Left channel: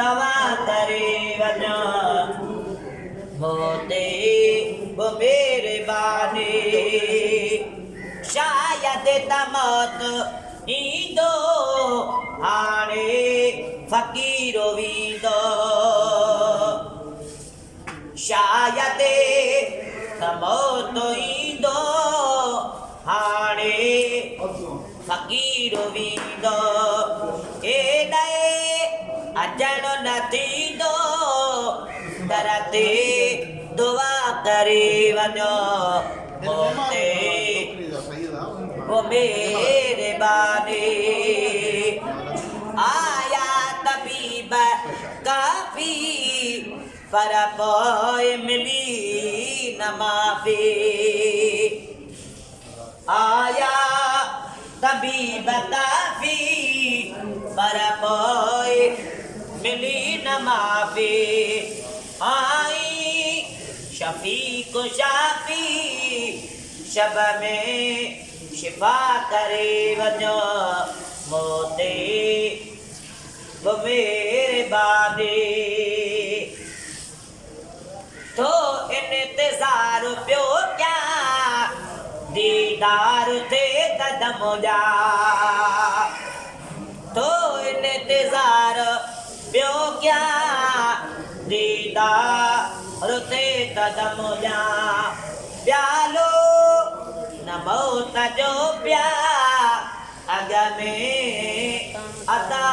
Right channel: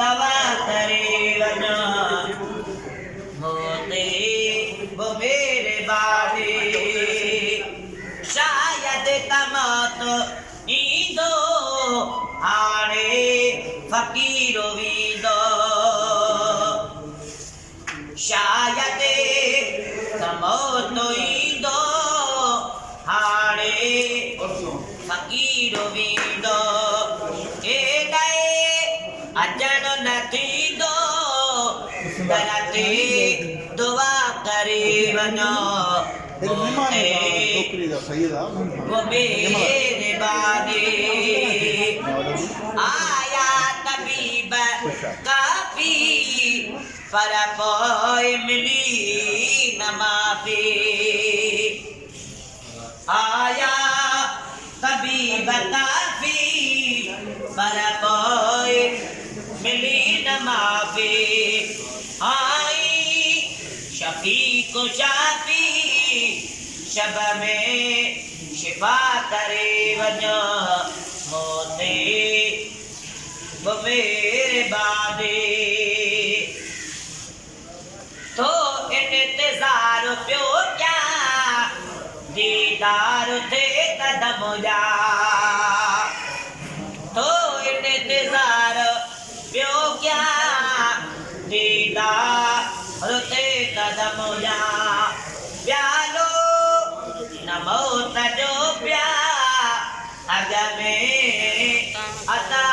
दवा करे वञो मोते वो मेरे बाने शायद तमत ईंदो हाणे फ़कीरो वींदो शायद तमत ईंदो हाणे फ़कीरो वींदो एॾे अचण न थींदो दर ते दुआ करे वञो मोते वो मेरे बाने आया तबीब काफ़ी पर पोइ मिली न माफ़ी आया तबीब काफ़ी पर पोइ मिली न माफ़ी आई शफीक शाफी शब में शिफा करे वञो मोते वो मेरे बाने तो इंतज़ार पियो क्या दीदार थे कदम जा तो इंतज़ार पियो क्या दीदार थे कदम जा प्यालो न मौत जो प्या अग में अदा